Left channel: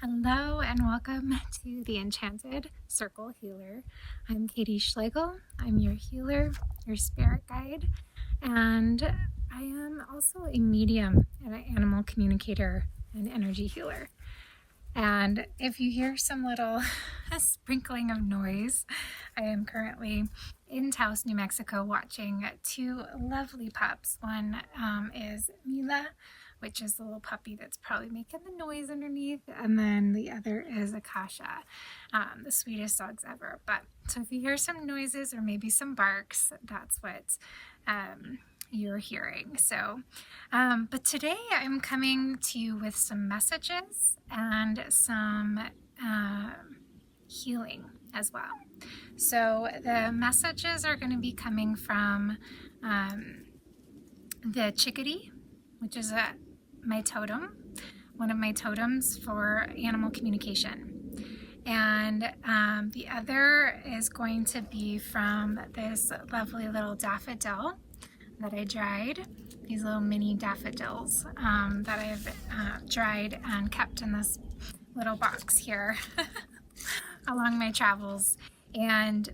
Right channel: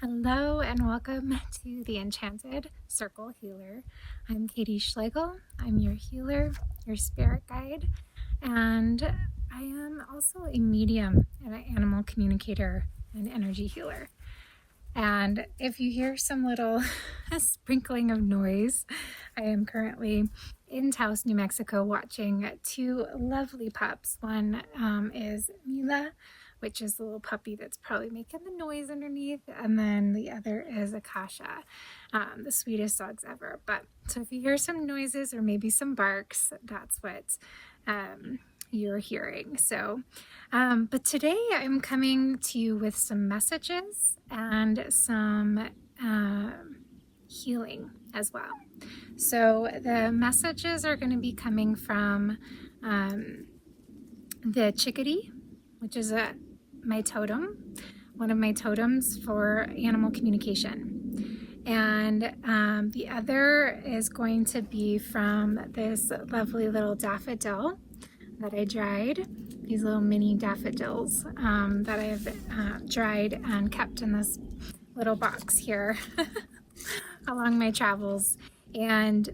Hello and welcome to the Enchanted Circle Healer. I'm Katie Schlegel. I'm your healer, your spirit guide, and I am also a medium and an animal communicator and energy healer. And if you hear some little sprinkling of noise, I am currently in Taos, New Mexico, watching two lovely pups. One is Mila, which is the little puppy that's probably making the noise underneath, and then the other is Akasha, the sweetest dogs ever. But so if you hear some noises or maybe some barks, that's what you're hearing. So, but today I'm coming to you with some messages and some healing as well. So the messages are going to be coming from the Chickadee, which is my totem, one of my totems for animal communication. And the other is going to be from this lovely little daffodil that I dried. These little mini daffodils that I've dried and kept in this little box here along my travels. And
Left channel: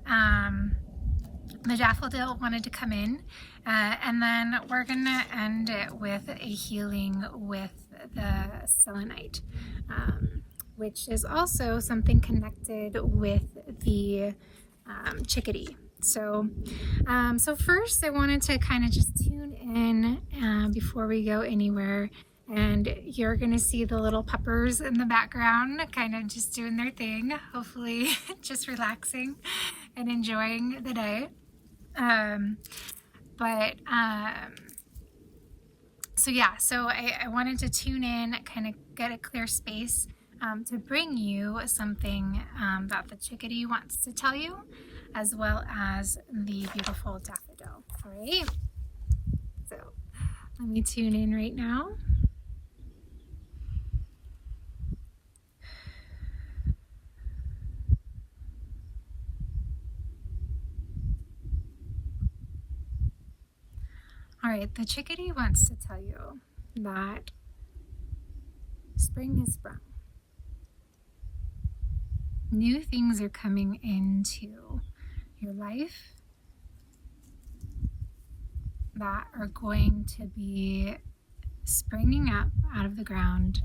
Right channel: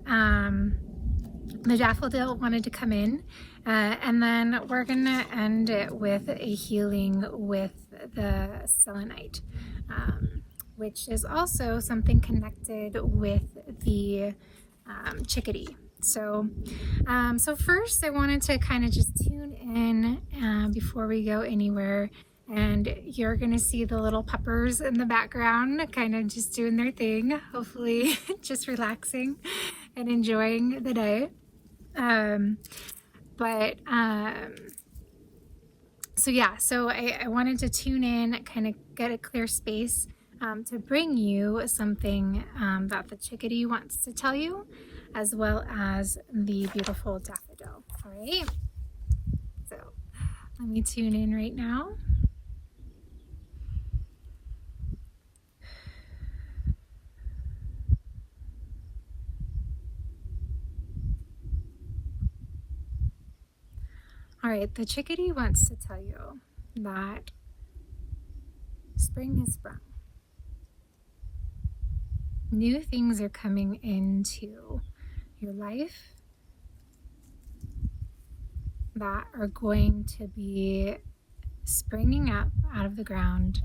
the daffodil wanted to come in, and then we're gonna end it with a healing with the selenite, which is also something connected with the chickadee. So first I wanted to kind of just tune in before we go anywhere, and you're gonna see the little puppers in the background kind of just doing their thing, hopefully just relaxing and enjoying the day. So I wanted to tune in, kind of get a clear space to bring you something that the chickadee wants to tell you, as well as the beautiful daffodil. All right, so let me tune in right now. All right, the chickadee wants to tell you that spring has sprung. New things are coming into your life that are going to be springing up out of the ground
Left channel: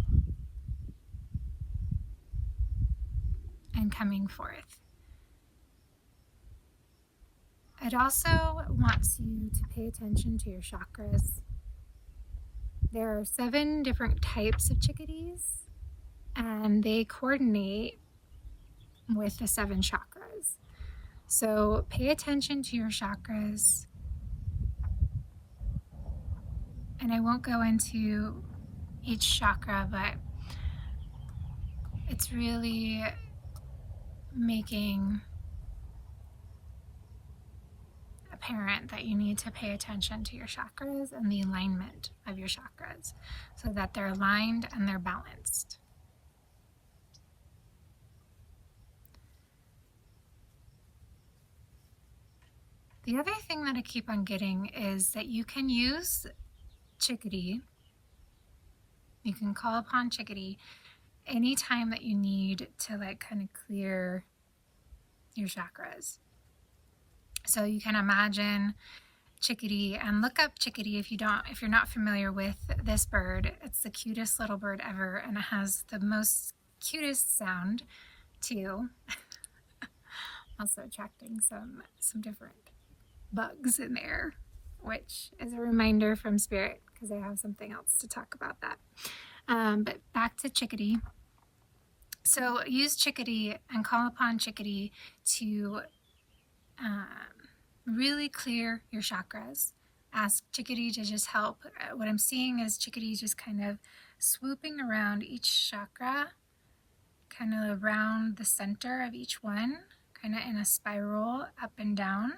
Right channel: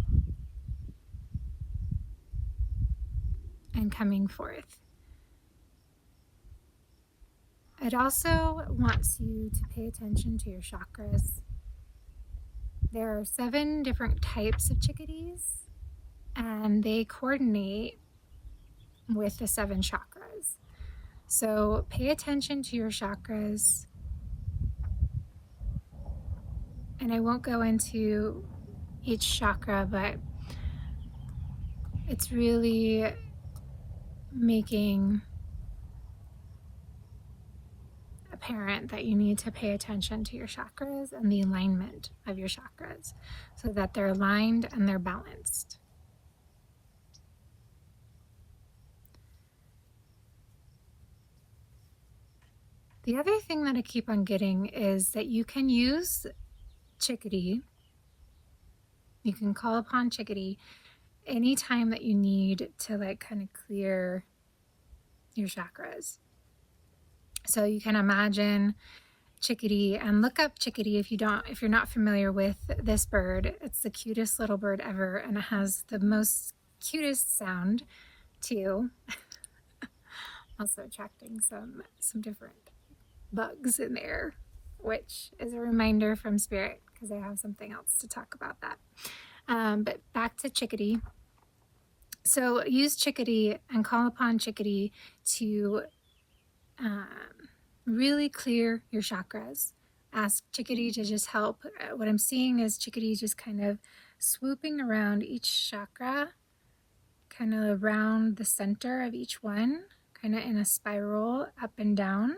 and coming forth. It also wants you to pay attention to your chakras. There are 7 different types of chickadees, and they coordinate with the 7 chakras. So pay attention to your chakras. And I won't go into each chakra, but it's really making apparent that you need to pay attention to your chakras and the alignment of your chakras so that they're aligned and they're balanced. The other thing that I keep on getting is that you can use Chickadee. You can call upon Chickadee anytime that you need to kind of clear your chakras. So you can imagine Chickadee, and look up Chickadee if you're not familiar with this bird. It's the cutest little bird ever, and it has the most cutest sound too. Also attracting some different bugs in there, which is a reminder from Spirit, because I have something else to talk about that. But back to Chickadee. So use Chickadee and call upon Chickadee to really clear your chakras. Ask Chickadee to just help. What I'm seeing is Chickadee just kind of swooping around each chakra, kind of around the center of each one, kind of in a spiral up and down,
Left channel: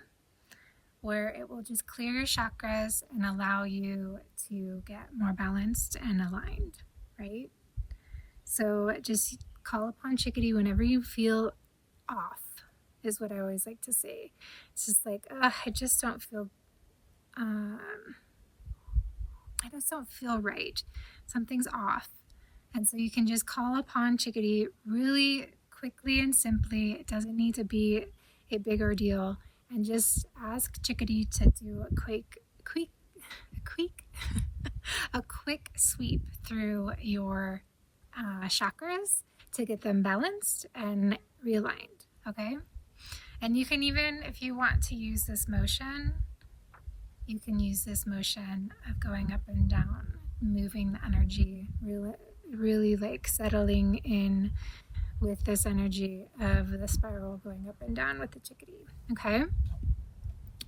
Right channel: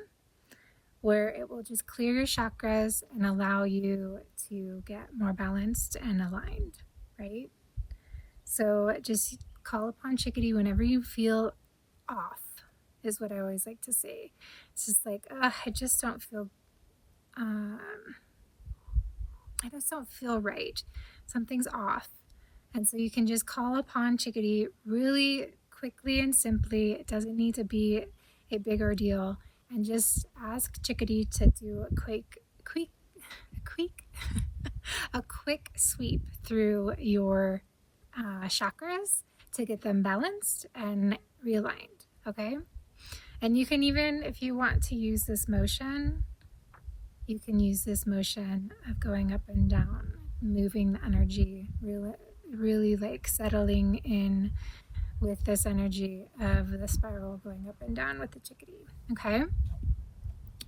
where it will just clear your chakras and allow you to get more balanced and aligned, right? So just call upon Chickadee whenever you feel off, is what I always like to say. It's just like, I just don't feel right. Something's off. And so you can just call upon Chickadee really quickly and simply. It doesn't need to be a big ordeal. And just ask Chickadee to do a quick sweep through your chakras to get them balanced and realigned, okay? And you can even, if you want to use this motion, you can use this motion of going up and down, moving the energy, really like settling in with this energy of the spiral going up and down with the Chickadee, okay?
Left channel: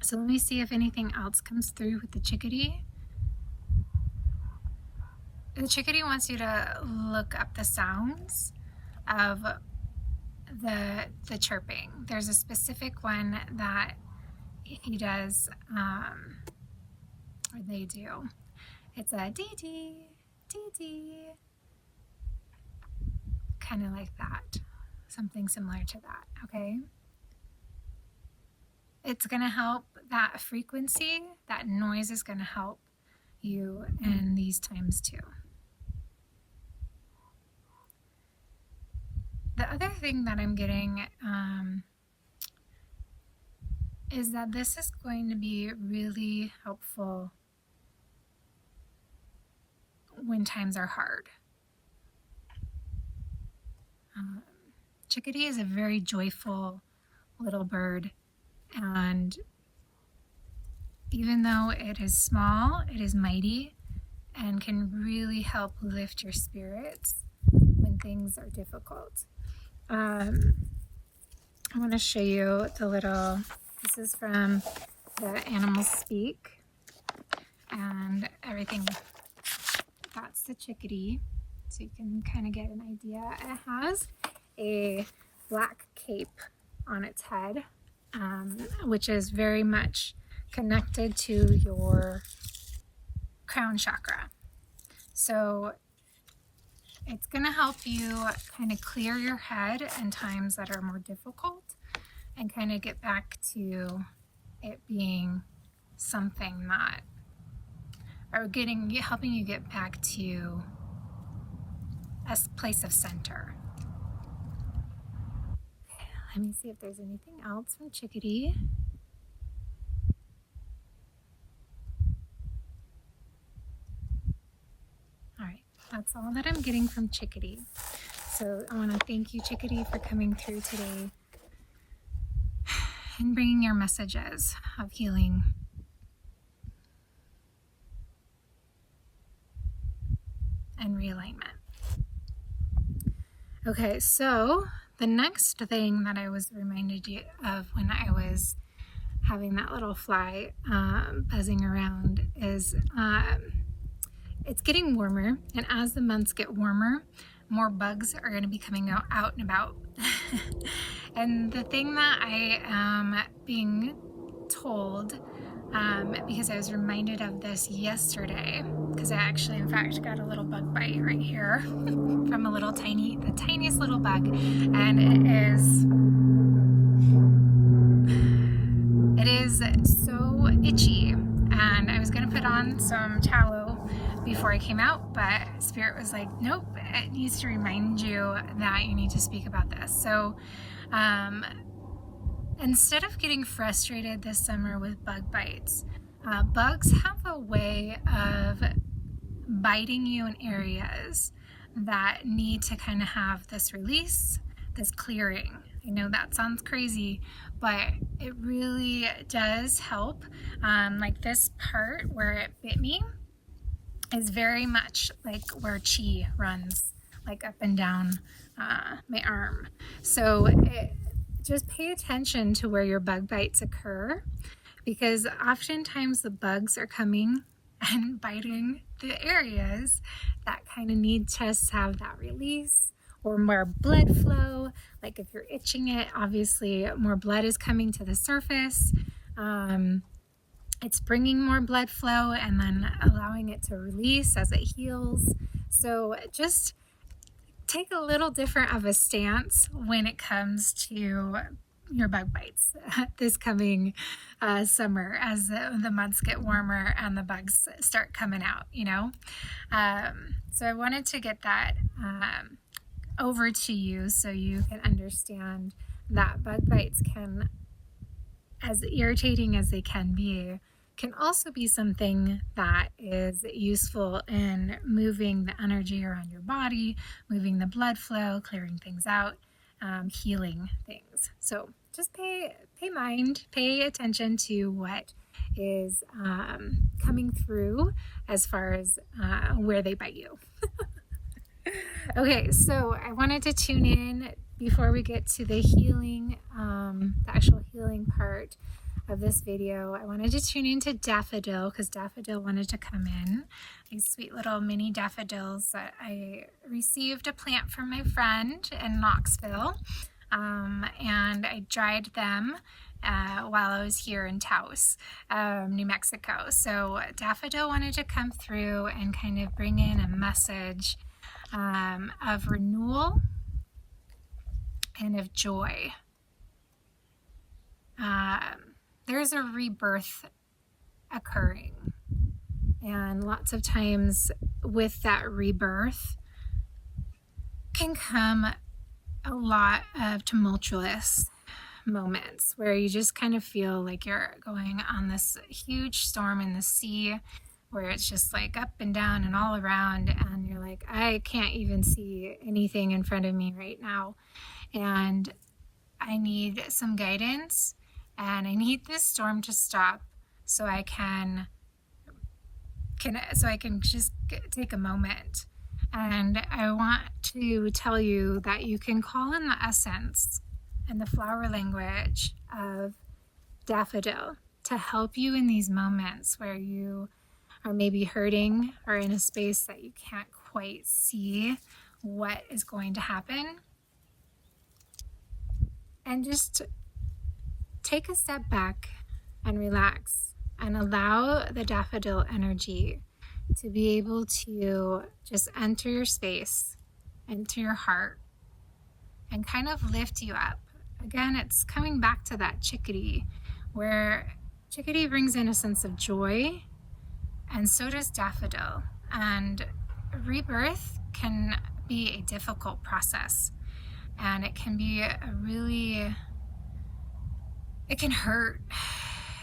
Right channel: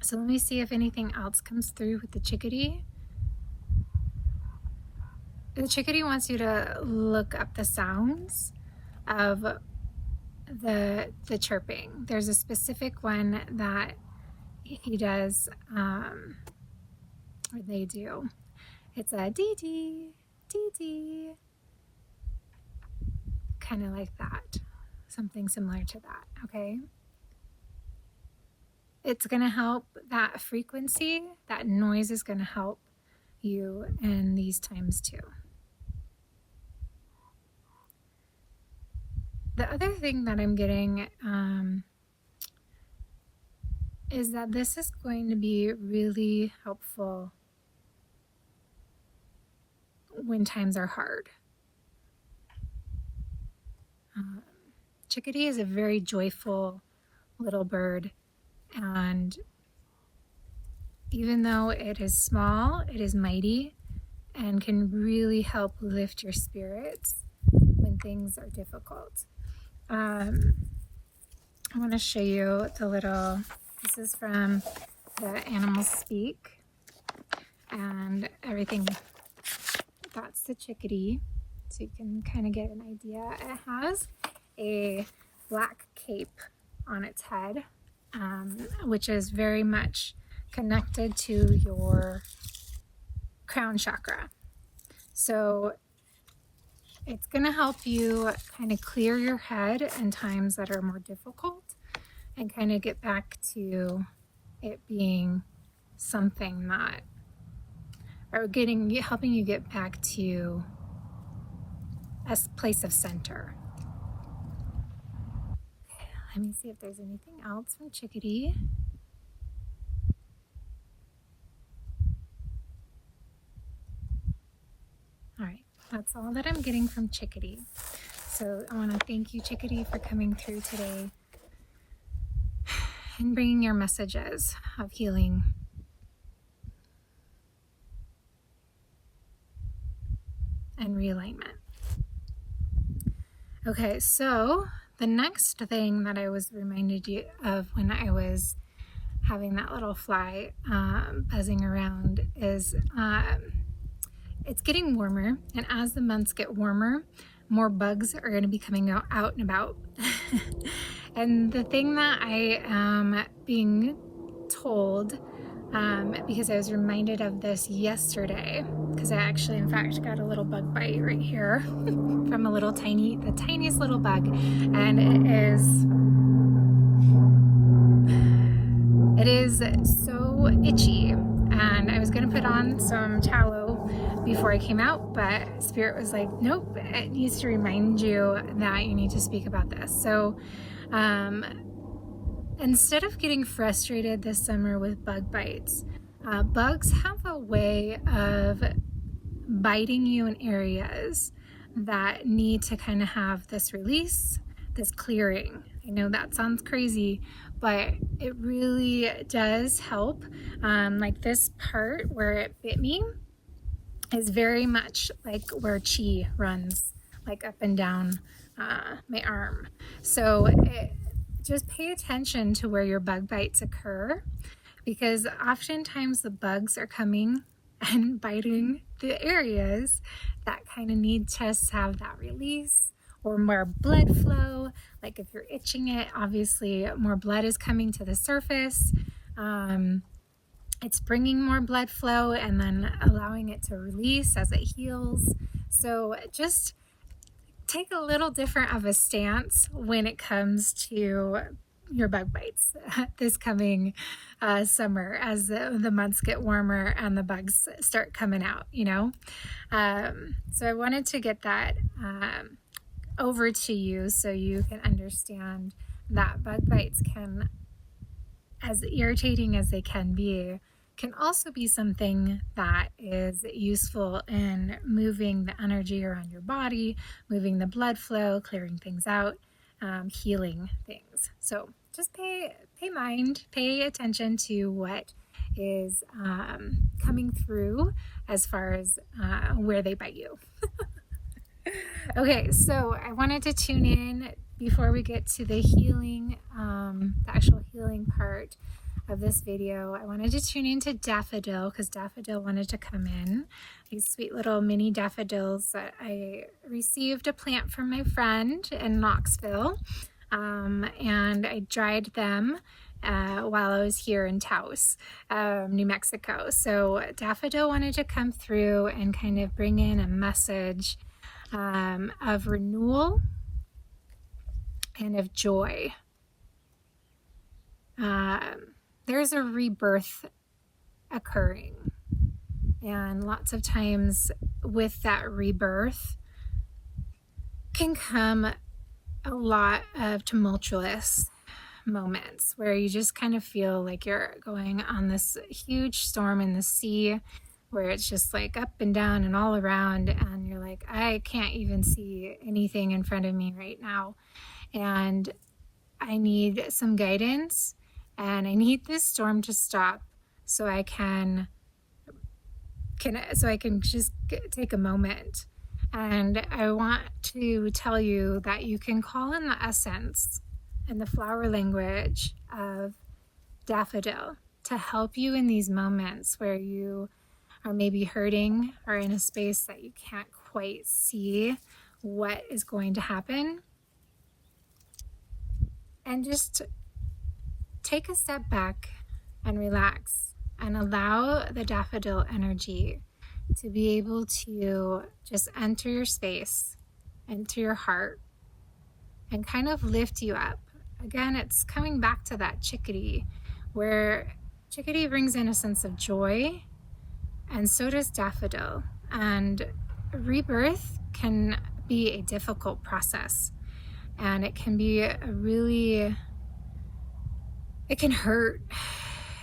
So let me see if anything else comes through with the Chickadee. The Chickadee wants you to look up the sounds of the chirping. There's a specific one that he does, or they do. It's a dee-dee, dee-dee, kind of like that, something similar to that, okay? It's going to help that frequency, that noise is going to help you in these times too. The other thing that I'm getting is that this is going to be really helpful when times are hard. Chickadee is a very joyful little bird, and even though it is small, it is mighty and can really help lift your spirits when things are difficult. I want to show you this is from the Animals Speak and everything. That's the Chickadee, so you can kind of get an idea. It has a black cape on its head, which is very much connected to your crown chakra. So it's going to help you kind of clear your head in times that are more difficult and kind of get back to it being something that, or helping you get back to a place of center. Okay, let me see if there's anything else from Chickadee. All right. That's all that I'm getting from Chickadee. So I want to thank you, Chickadee, for coming through today and bringing your messages of healing. And realignment. Okay, so the next thing that I was reminded you of when I was having that little fly buzzing around is it's getting warmer, and as the months get warmer, more bugs are going to be coming out and about. And the thing that I am being told, because I was reminded of this yesterday, because I actually, in fact, got a little bug bite right here from the tiniest little bug, and it is so itchy, and I was going to put on some tallow before I came out, but Spirit was like, nope, it needs to remind you that you need to speak about this. So instead of getting frustrated this summer with bug bites, bugs have a way of biting you in areas that need to kind of have this release, this clearing. I know that sounds crazy, but it really does help. Like this part where it bit me is very much like where chi runs, like up and down my arm. So just pay attention to where your bug bites occur, because oftentimes the bugs are coming and biting the areas that kind of need to have that release or more blood flow. Like if you're itching it, obviously more blood is coming to the surface. It's bringing more blood flow and then allowing it to release as it heals. So just take a little different of a stance when it comes to your bug bites this coming summer as the months get warmer and the bugs start coming out, you know. So I wanted to get that over to you so you can understand that bug bites can, as irritating as they can also be something that is useful in moving the energy around your body, moving the blood flow, clearing things out, healing things. So just pay attention to what is coming through as far as where they bite you. Okay, so I wanted to tune in before we get to the healing, the actual healing part of this video. I wanted to tune into Daffodil because Daffodil wanted to come in. These sweet little mini daffodils that I received a plant from my friend in Knoxville, and I dried them while I was here in Taos, New Mexico. So Daffodil wanted to come through and kind of bring in a message of renewal and of joy. There's a rebirth occurring, and lots of times with that rebirth can come a lot of tumultuous moments where you just kind of feel like you're going on this huge storm in the sea, where it's just like up and down and all around, and you're like, I can't even see anything in front of me right now, and I need some guidance, and I need this storm to stop so I can just take a moment. And I want to tell you that you can call in the essence and the flower language of Daffodil to help you in these moments where you are maybe hurting or in a space that you can't quite see what is going to happen. And just take a step back and relax and allow the daffodil energy to be able to just enter your space, enter your heart, and kind of lift you up. Again, it's coming back to that chickadee, where chickadee brings in a sense of joy, and so does daffodil. And rebirth can be a difficult process, and it can be it can hurt,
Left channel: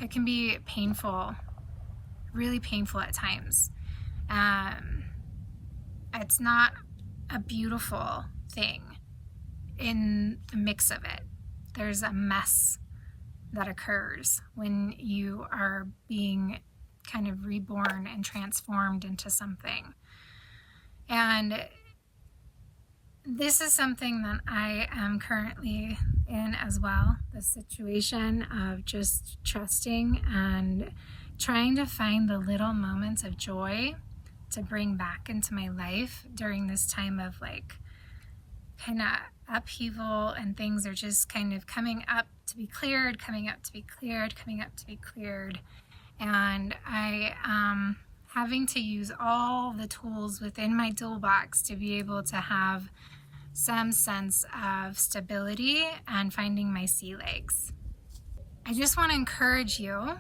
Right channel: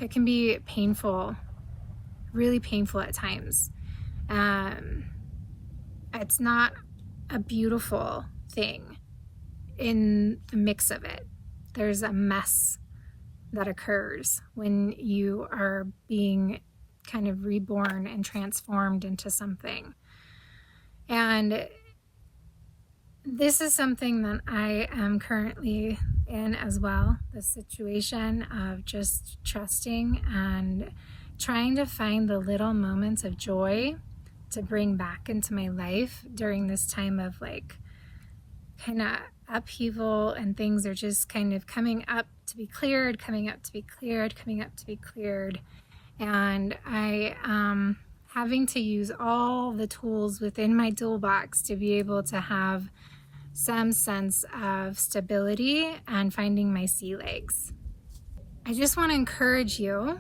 it can be painful, really painful at times. It's not a beautiful thing in the mix of it. There's a mess that occurs when you are being kind of reborn and transformed into something. And this is something that I am currently in as well, the situation of just trusting and trying to find the little moments of joy to bring back into my life during this time of like kind of upheaval, and things are just kind of coming up to be cleared, coming up to be cleared, coming up to be cleared. And I am having to use all the tools within my toolbox to be able to have some sense of stability and finding my sea legs. I just want to encourage you,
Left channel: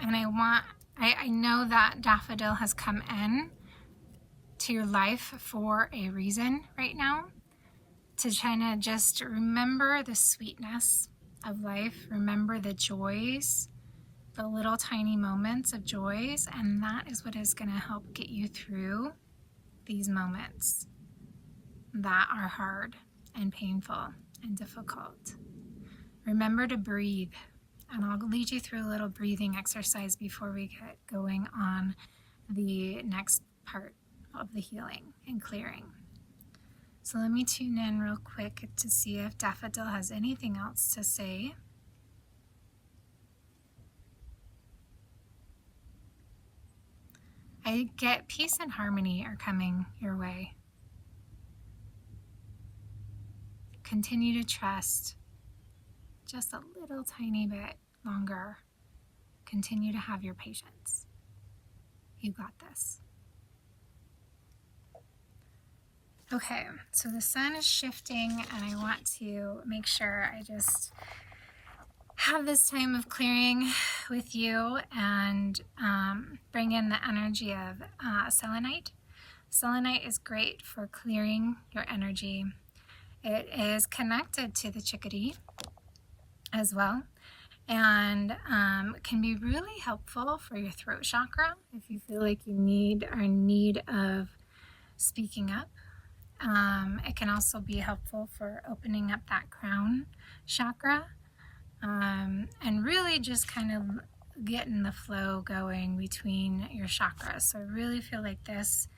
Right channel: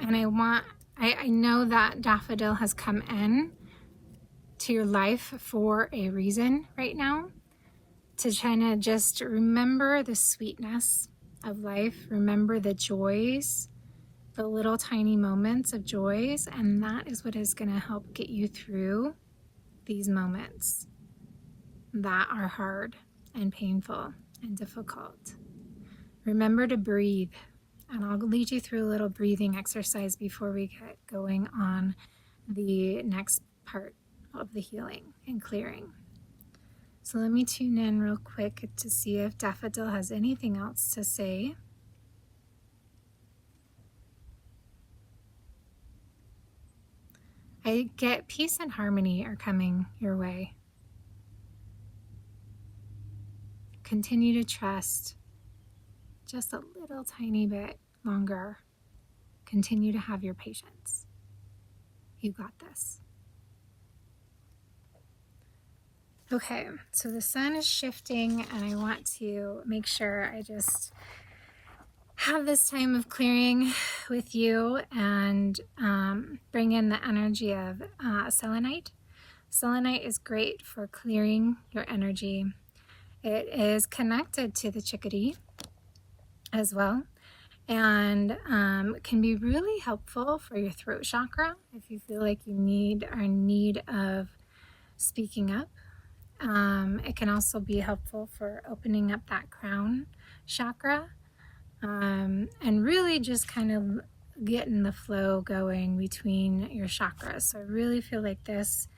and I know that daffodil has come in to your life for a reason right now, to kind of just remember the sweetness of life, remember the joys, the little tiny moments of joys, and that is what is going to help get you through these moments that are hard and painful and difficult. Remember to breathe, and I'll lead you through a little breathing exercise before we get going on the next part of the healing and clearing. So let me tune in real quick to see if Daffodil has anything else to say. I get peace and harmony are coming your way. Continue to trust just a little tiny bit longer. Continue to have your patience. You got this. Okay, so the sun is shifting, and I want to make sure I just have this time of clearing with you and bring in the energy of selenite. Selenite is great for clearing your energy. It is connected to the Chickadee as well, and can be really helpful for your throat chakra if you feel like you are in need of speaking up. It can also be helpful for opening up that crown chakra, and really just kind of getting the flow going between your chakras. So I really feel like this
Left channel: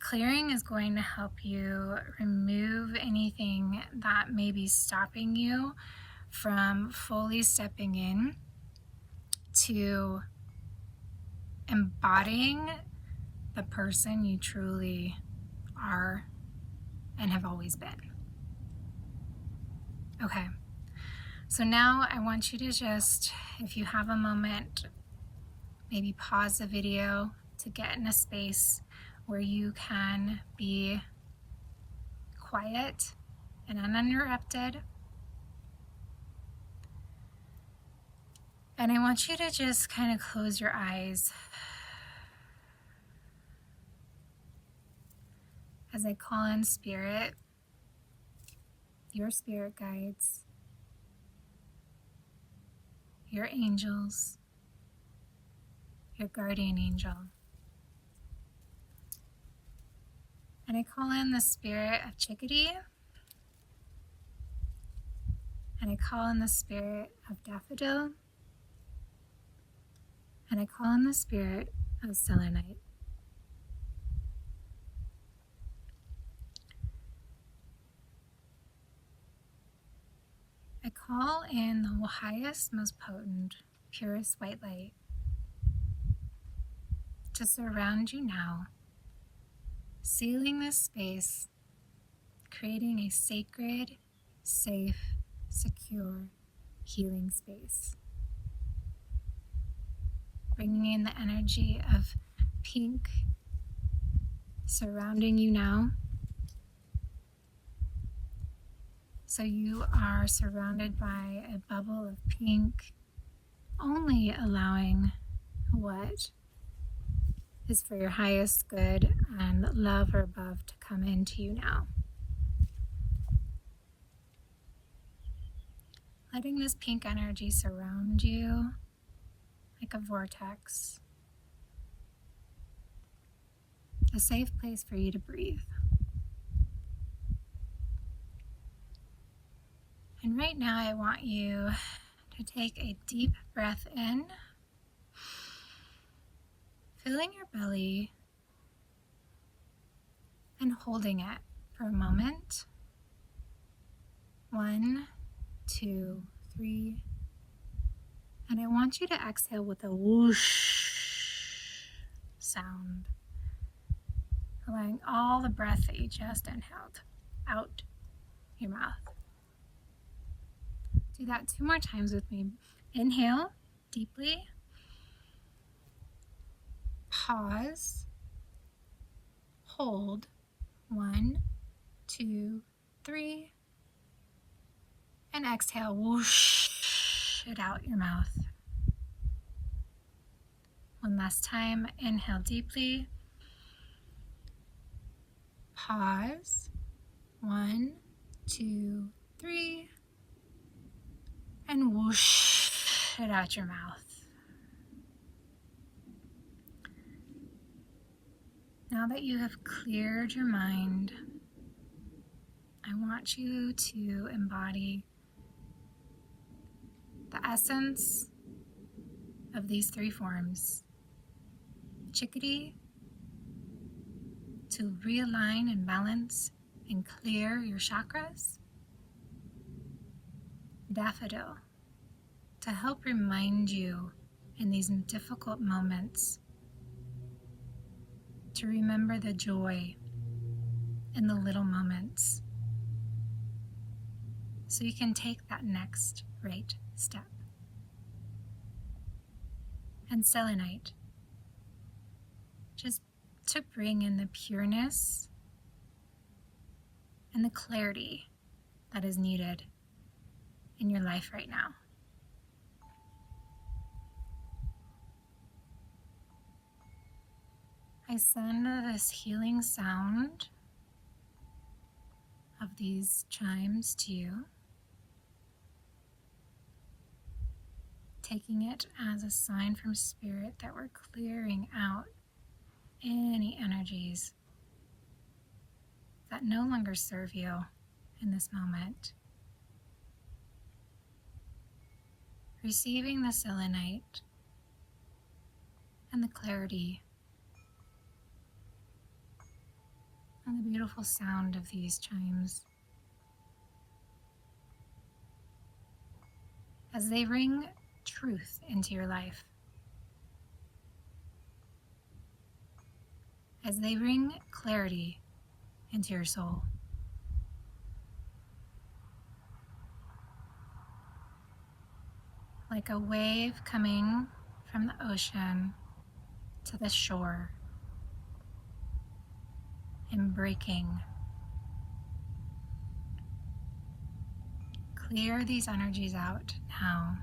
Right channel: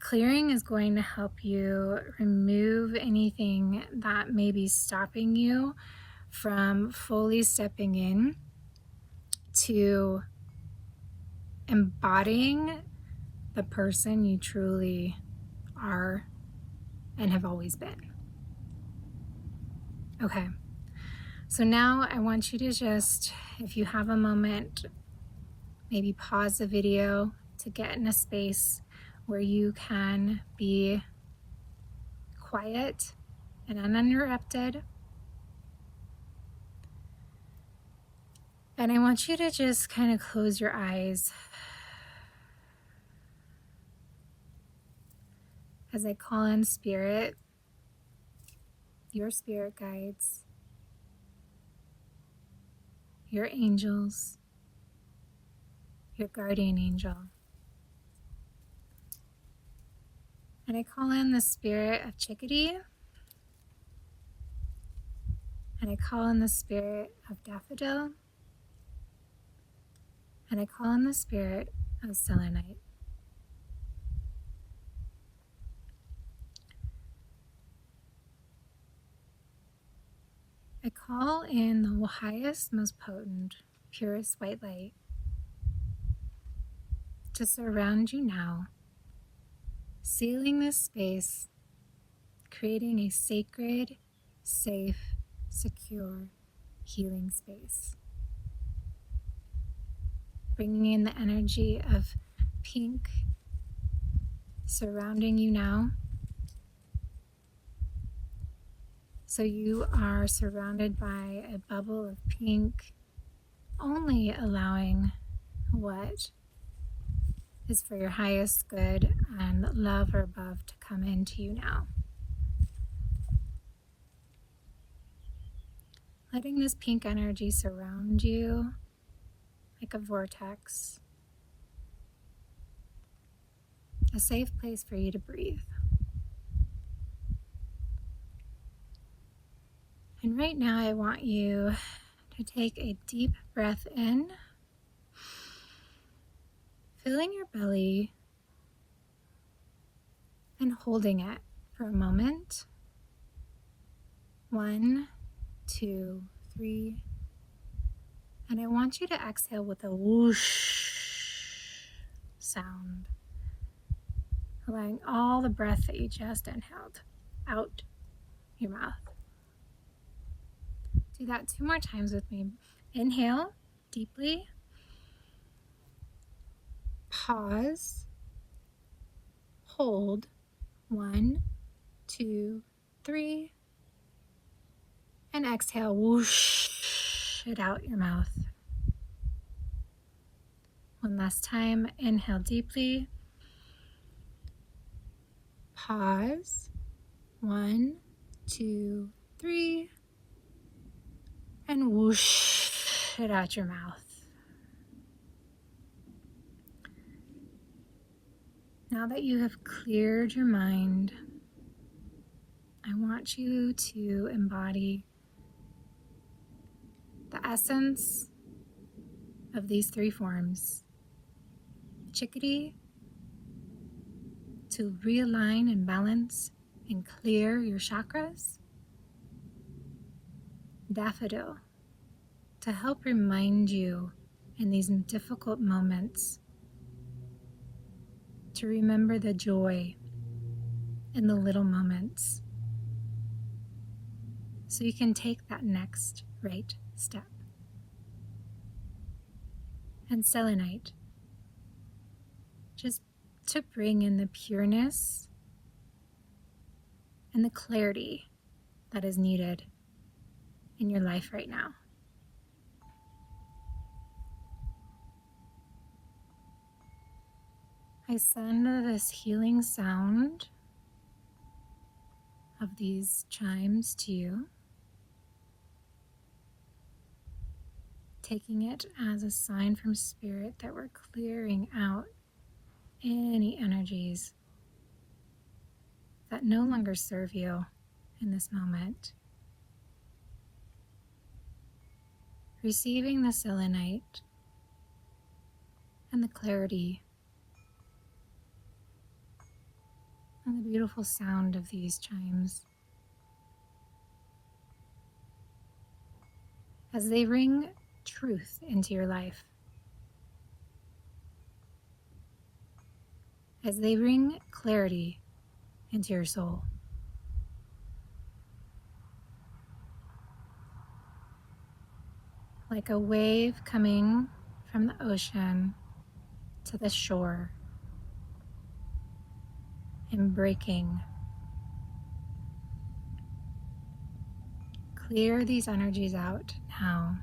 clearing is going to help you remove anything that may be stopping you from fully stepping in to embodying the person you truly are and have always been. Okay, so now I want you to just, if you have a moment, maybe pause the video to get in a space where you can be quiet and uninterrupted. And I want you to just kind of close your eyes as I call in spirit, your spirit guides, your angels, your guardian angel. And I call in the spirit of Chickadee, and I call in the spirit of Daffodil, and I call in the spirit of Selenite. I call in the highest, most potent, purest white light to surround you now, sealing this space, creating a sacred, safe, secure, healing space. Bringing in the energy of pink surrounding you now. So you are surrounded by a bubble of pink, only allowing what is for your highest good and love or above to come into you now. Letting this pink energy surround you like a vortex, a safe place for you to breathe. And right now I want you to take a deep breath in, filling your belly and holding it for a moment. 1, 2, 3. And I want you to exhale with a whoosh sound, allowing all the breath that you just inhaled out your mouth. Do that 2 more times with me. Inhale deeply. Pause. Hold. 1, 2, 3. And exhale, whoosh it out your mouth. One last time. Inhale deeply. Pause. 1, 2, 3. And whoosh it out your mouth. Now that you have cleared your mind, I want you to embody the essence of these 3 forms. Chickadee, to realign and balance and clear your chakras. Daffodil, to help remind you in these difficult moments to remember the joy in the little moments so you can take that next right step. And selenite, just to bring in the pureness and the clarity that is needed in your life right now. I send this healing sound of these chimes to you, taking it as a sign from Spirit that we're clearing out any energies that no longer serve you in this moment. Receiving the selenite and the clarity and the beautiful sound of these chimes as they ring truth into your life, as they bring clarity into your soul. Like a wave coming from the ocean to the shore and breaking. Clear these energies out now.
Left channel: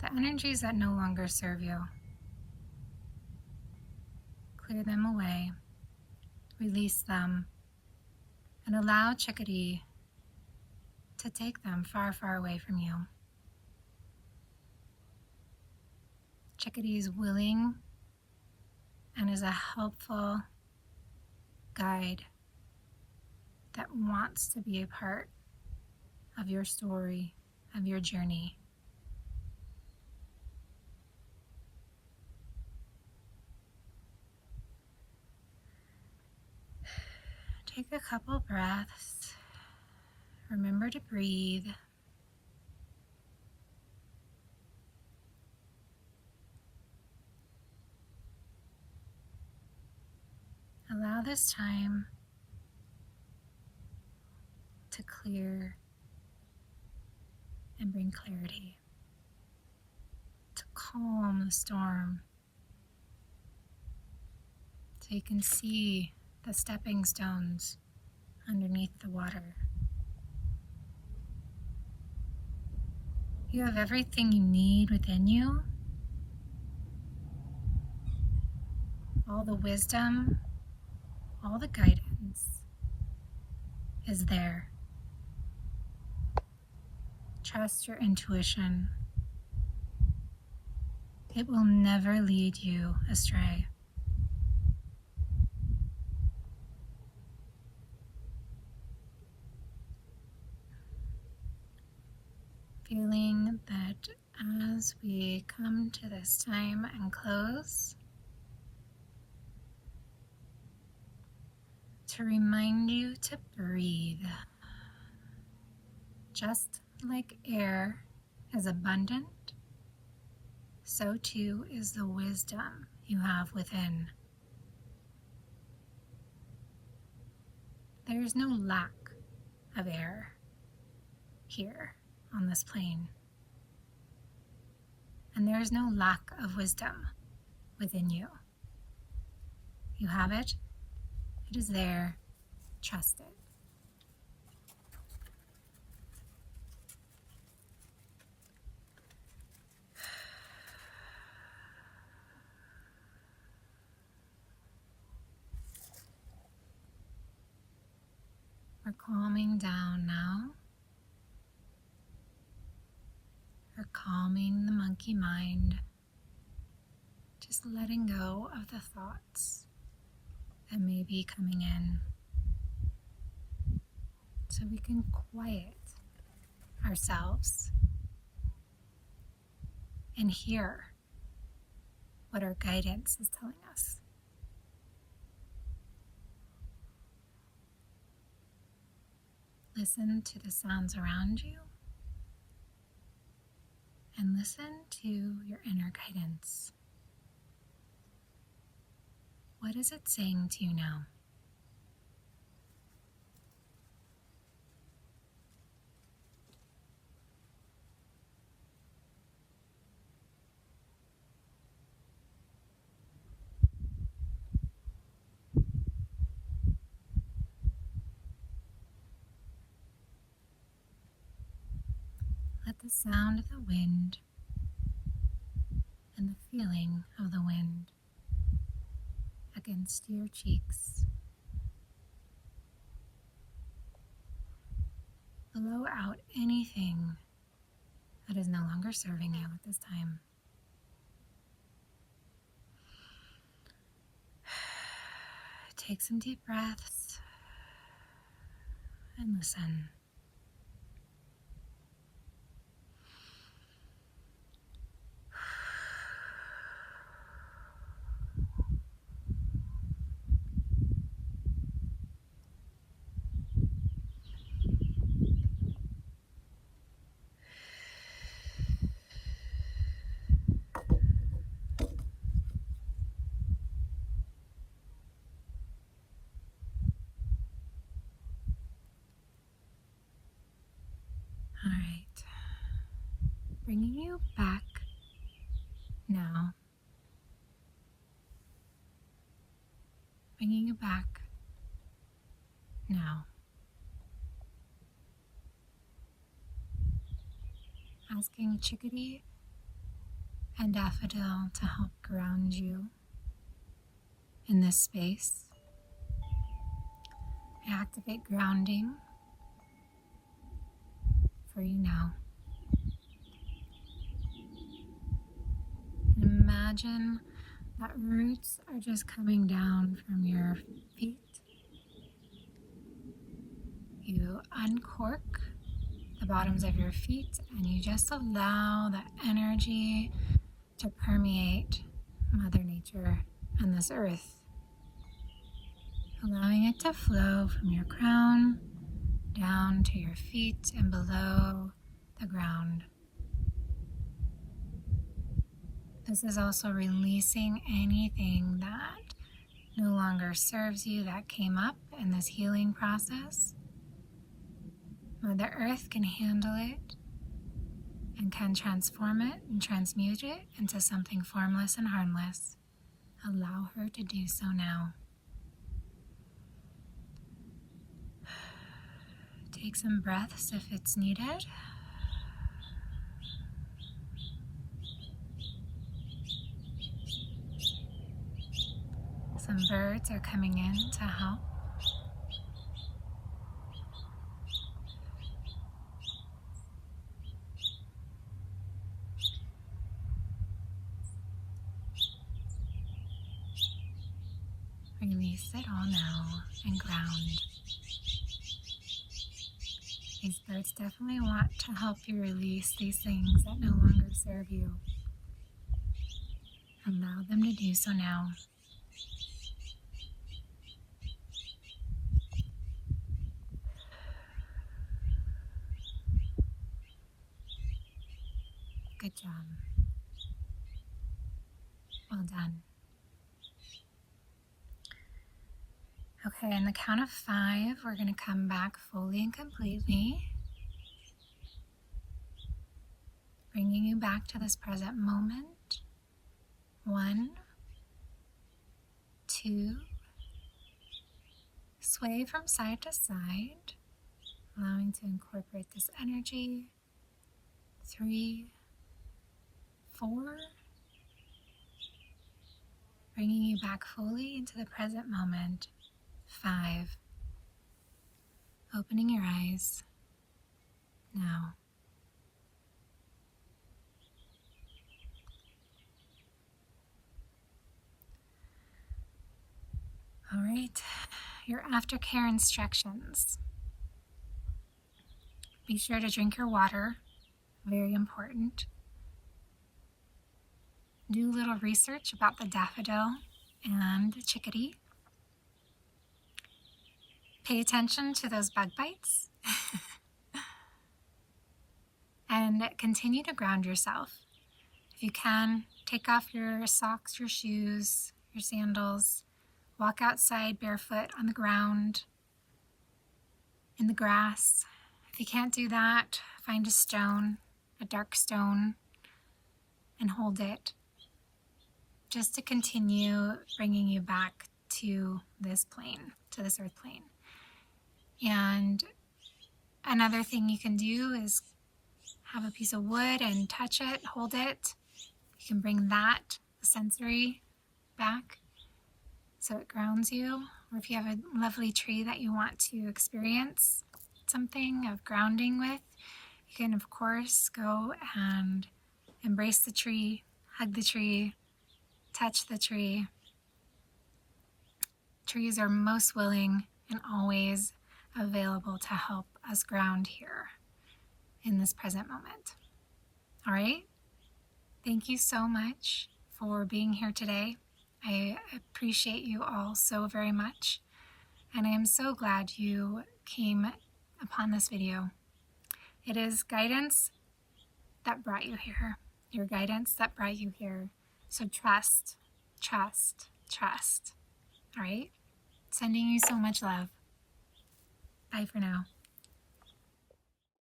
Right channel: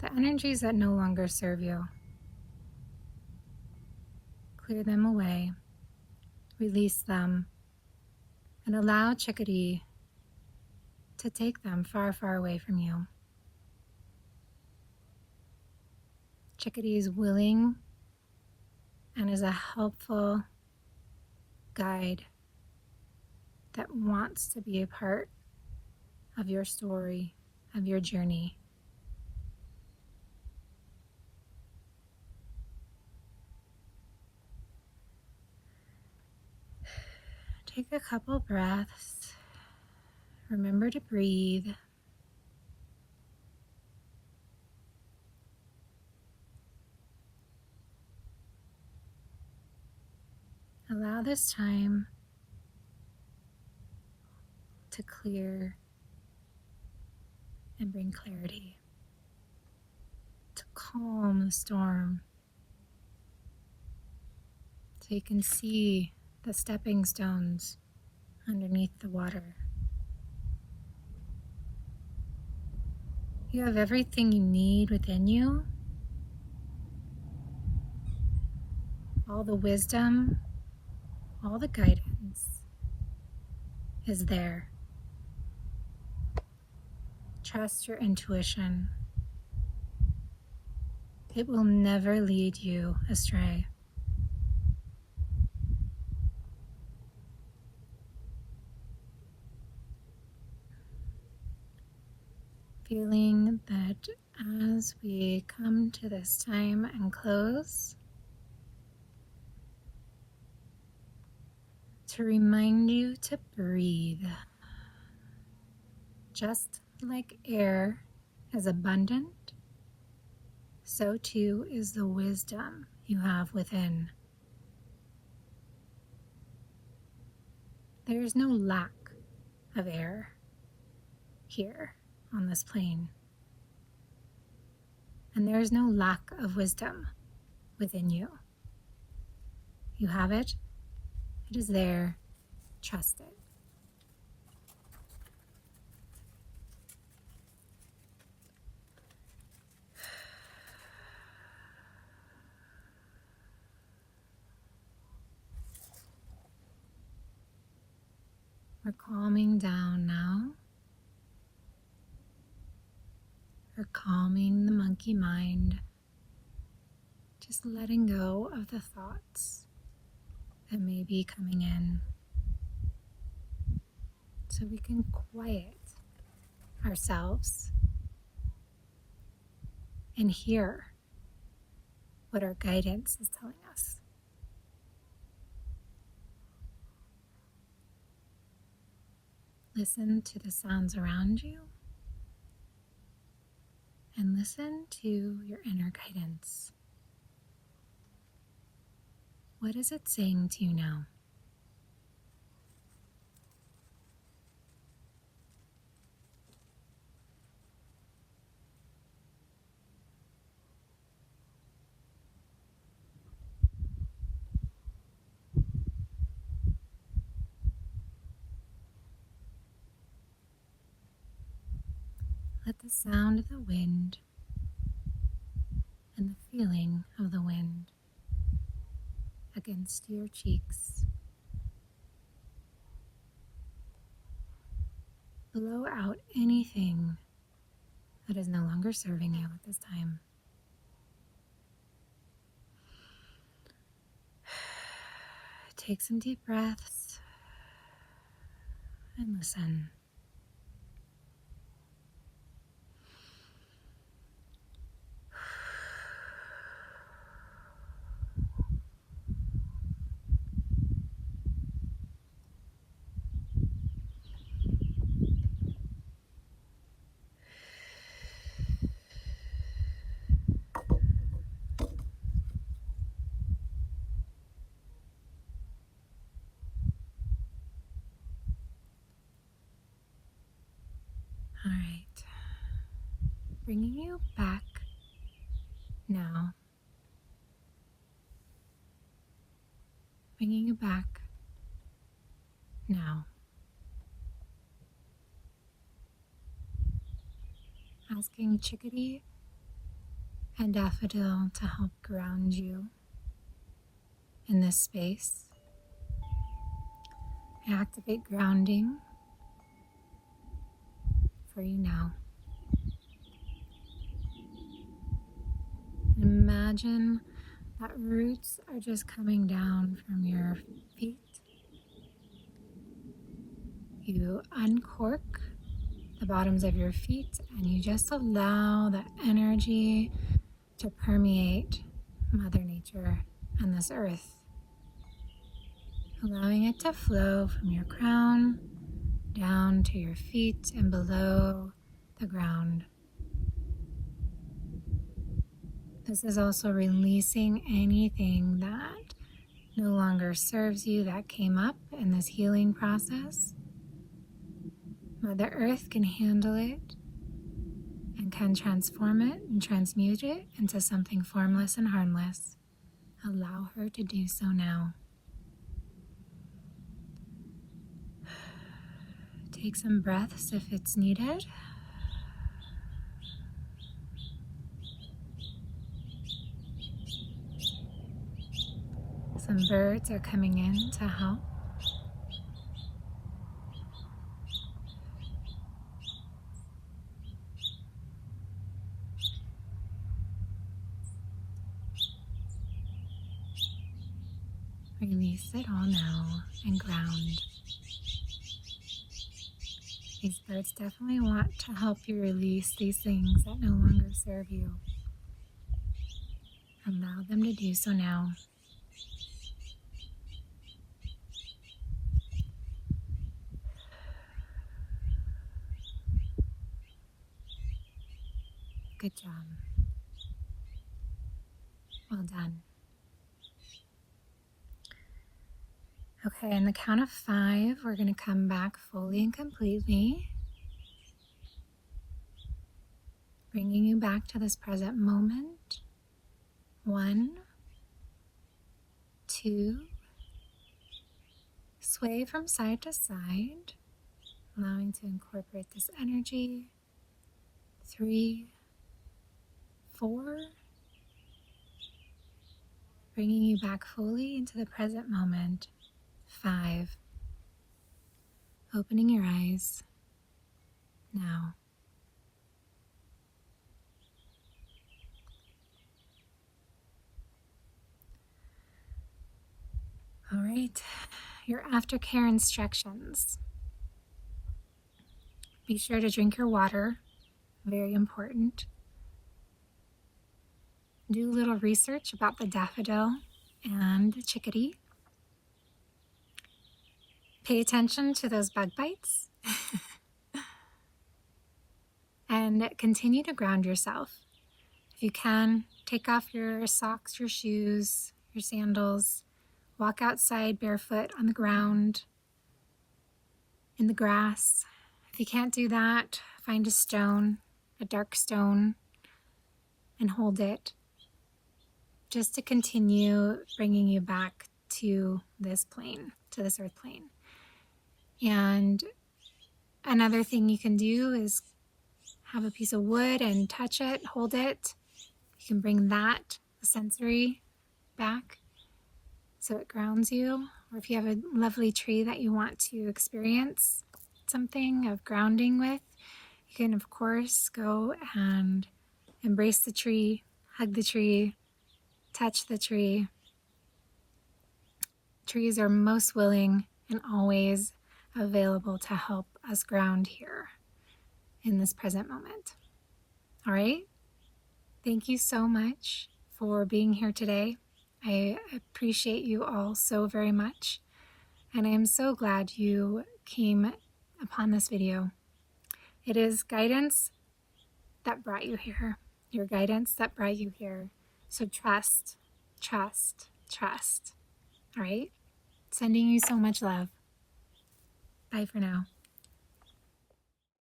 The energies that no longer serve you. Clear them away, release them, and allow Chickadee to take them far, far away from you. Chickadee is willing and is a helpful guide that wants to be a part of your story, of your journey. Take a couple breaths. Remember to breathe. Allow this time to clear and bring clarity, to calm the storm, so you can see the stepping stones underneath the water. You have everything you need within you, all the wisdom, all the guidance is there. Trust your intuition. It will never lead you astray. Feeling that as we come to this time and close, to remind you to breathe. Just like air is abundant, so too is the wisdom you have within. There is no lack of air here on this plane, and there is no lack of wisdom within you. You have it. It is there. Trust it. We're calming down now. We're calming the monkey mind. Just letting go of the thoughts that may be coming in, so we can quiet ourselves and hear what our guidance is telling us. Listen to the sounds around you and listen to your inner guidance. What is it saying to you now? Let the sound of the wind and the feeling of the wind against your cheeks blow out anything that is no longer serving you at this time. Take some deep breaths and listen. All right, bringing you back now, bringing you back now, asking Chickadee and Daffodil to help ground you in this space. I activate grounding for you now. And imagine that roots are just coming down from your feet. You uncork the bottoms of your feet and you just allow the energy to permeate Mother Nature and this earth, allowing it to flow from your crown down to your feet and below the ground. This is also releasing anything that no longer serves you that came up in this healing process. Mother Earth can handle it and can transform it and transmute it into something formless and harmless. Allow her to do so now. Take some breaths if it's needed. Some birds are coming in to help. Release it all now and ground. These birds definitely want to help you release these things that no longer serve you. Allow them to do so now. Good job. Well done. Okay, on the count of 5, we're going to come back fully and completely, bringing you back to this present moment. 1, 2, sway from side to side, allowing to incorporate this energy. 3, 4, bringing you back fully into the present moment. 5, opening your eyes now. All right, your aftercare instructions. Be sure to drink your water, very important. Do a little research about the daffodil and the chickadee. Pay attention to those bug bites. And continue to ground yourself. If you can, take off your socks, your shoes, your sandals. Walk outside barefoot on the ground, in the grass. If you can't do that, find a stone, a dark stone, and hold it, just to continue bringing you back to this plane, to this earth plane. And another thing you can do is have a piece of wood and touch it, hold it, you can bring that sensory back so it grounds you. Or if you have a lovely tree that you want to experience something of grounding with, you can of course go and embrace the tree, hug the tree, touch the tree. Trees are most willing and always available to help us ground here in this present moment. All right? Thank you so much for being here today. I appreciate you all so very much, and I am so glad you came upon this video. It is guidance that brought you here, your guidance that brought you here. So trust, trust, trust. All right? Sending you so much love. Bye for now.